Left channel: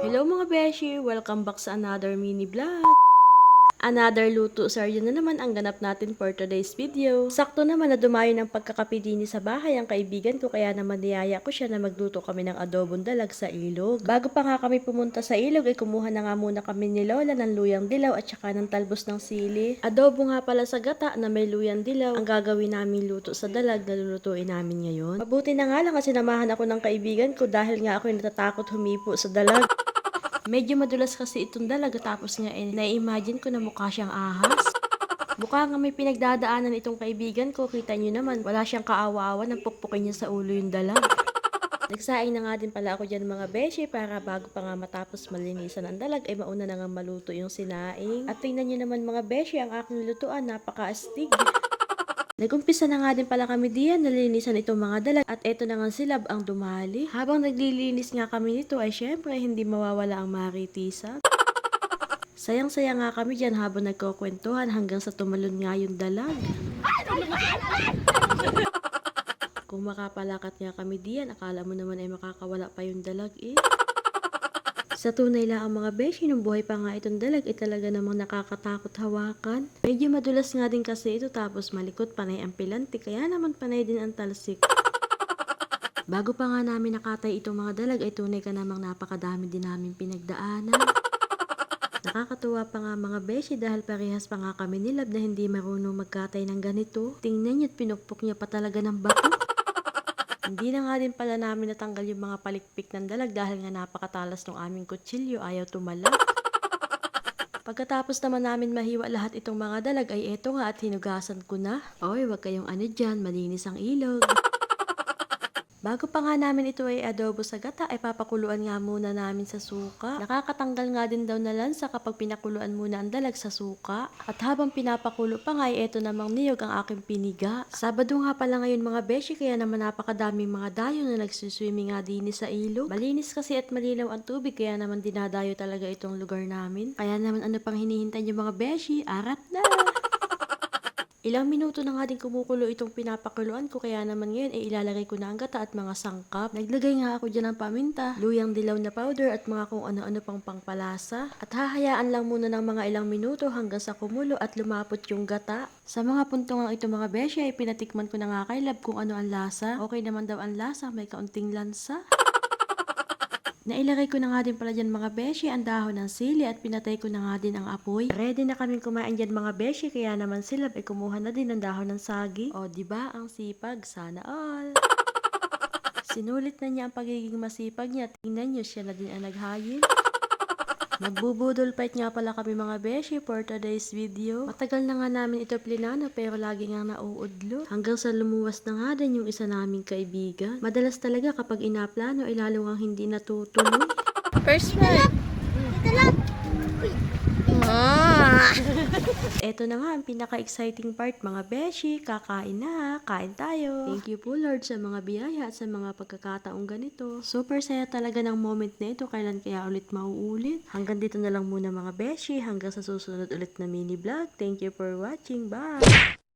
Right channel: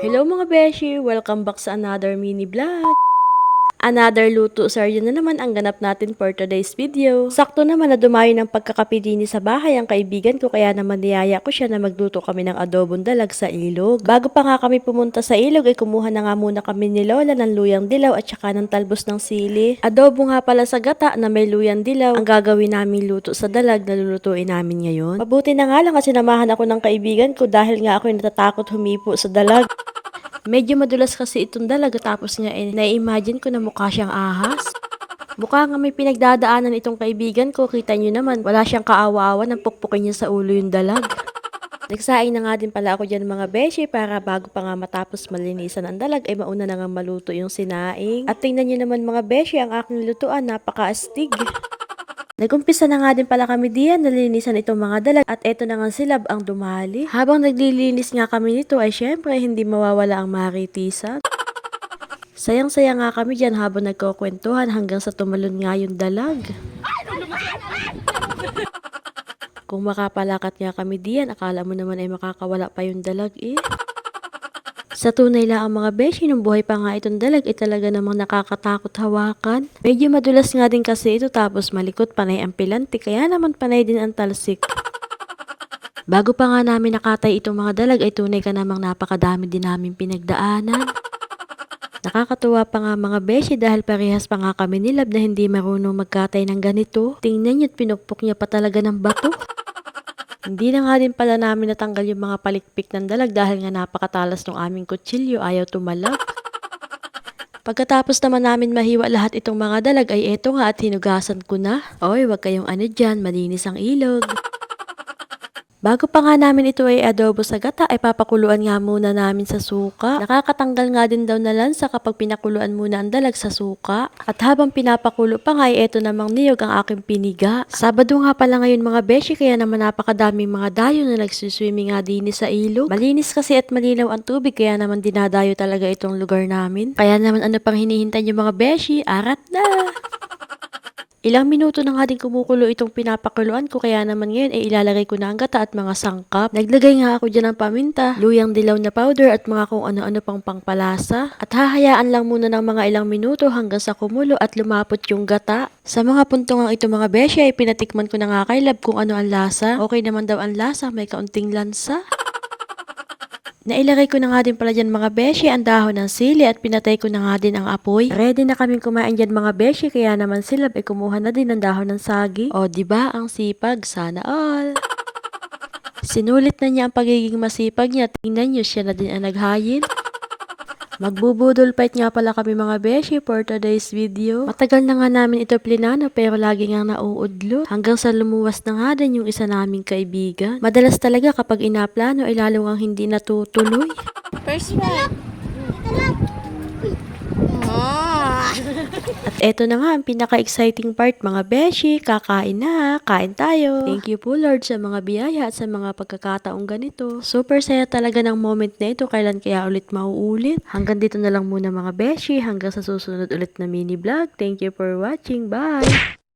Hello mga beshi! Welcome back sa another mini vlog. Another luto sarya na naman ang ganap natin for today's video. Sakto naman na dumayo ng pagkakapidini sa bahay ang kaibigan ko, kaya naman niyaya ko siya na magluto kami ng adobong dalag sa ilog. Bago pa nga kami pumunta sa ilog ay kumuha na nga muna kami ni Lola ng luyang dilaw at saka ng talbos ng sili. Adobo nga pala sa gata na may luyang dilaw ang gagawin namin luto sa dalag na lulutuin namin ngayon. Mabuti na nga lang kasi sinamahan ako ng kaibigan ko dahil nga ako natatakot humipo sa dalag. Medyo madulas kasi itong dalaga, tapos nga na-imagine ko na mukha siyang ahas. Mukha nga may pinagdadaanan itong kaibigan ko. Kita nyo naman, wala siyang kaawa-awa nang pukpukin niya sa ulo yung dalag. Nagsaing na nga din pala ako dyan mga beshi para bago pa nga matapos malinisan ang dalag ay mauna na nga maluto yung sinaing. At tingnan nyo naman mga beshi, ang aking lutuan napaka-astig. Nagumpisa na nga din pala kami diyan, nalinisan itong mga dalag at eto na nga silab ang dumali. Habang naglilinis nga kami nito ay syempre hindi mawawala ang maritisan. Sayang-saya nga kami diyan habang nagkukwentuhan hanggang sa tumalon nga yung dalag. Kung makapalakat nga kami diyan, akala mo naman ay makakawala pa yung dalag eh. Sa tunay lang ang mga beshi, nung buhay pa nga itong dalag ay talaga namang nakakatakot hawakan. Medyo madulas nga din kasi ito, tapos malikot, panay ang pilanti, kaya naman panay din ang talsik. Bago pa nga namin nakatay itong mga dalag ay tunay ka namang napakadami din namin pinagdaanan. Nakakatuwa pa nga mga beshi dahil parehas pa nga kami nilab na hindi marunong magkatay ng ganito. Tingnan nyo't pinukpok niya pa talaga ng bato. Hindi na nga din pala namin natanggal yung mga palikpik ng dalag dahil nga napakatalas ng aming kutsilyo, ayaw tumalab. Pagkatapos naman namin mahiwa lahat itong mga dalag ay eto nga at hinugasan ko na. Oy, wag kayong ano dyan, malinis ang ilog. Bago pa nga namin ito ay adobo sa gata ay papakuluan nga muna namin sa suka. Nakakatanggal nga din daw na lansa kapag pinakuluan muna ang dalag sa suka. At habang pinapakulo pa nga ay eto namang niyog ang aking piniga. Sabado nga pala ngayon mga beshi, kaya naman napakadaming mga dayo na nagsuswimming nga din sa ilog. Malinis kasi at malinaw ang tubig, kaya naman dinadayo talaga itong lugar namin. Kaya naman ano pang hinihintay niyo mga beshi, arat na! Ilang minuto na nga din kumukulo itong pinapakuluan ko, kaya naman ngayon ay ilalagay ko na ang gata at mga sangkap. Naglagay nga ako dyan ng paminta, luyang dilaw na powder at mga kung ano-ano pang pangpalasa. At hahayaan lang muna ng mga ilang minuto hanggang sa kumulo at lumapot yung gata. Sa mga puntong ang ito mga beshi ay pinatikman ko na nga kay Lab kung ano ang lasa. Okay naman daw ang lasa, may kaunting lansa. Nailagay ko na nga din pala dyan mga beshi ang dahon ng sili at pinatay ko na nga din ang apoy. Ready na kaming kumain dyan mga beshi, kaya naman sila ay kumuha na din ng dahon ng sagi. O diba ang sipag? Sana all! Sinulit na niya ang pagiging masipag niya. Tingnan niyo, siya na din ang naghayin. Magbubudol fight nga pala kami mga beshi for today's video. Matagal na nga namin ito plinano pero lagi nga nauudlo. Hanggang sa lumuwas na nga din yung isa naming kaibigan. Madalas talaga kapag inaplano ay lalo ngang hindi natutuloy. First one. At eto na nga ang pinaka-exciting part mga beshi. Kakain na, kain tayo. Thank you po Lord sa mga biyaya at sa mga pagkakataong ganito. Super saya talaga ng moment na ito. Kailan kaya ulit mauulit? Hanggang dito na lang muna mga beshi. Hanggang sa susunod ulit na mini vlog. Thank you for watching. Bye!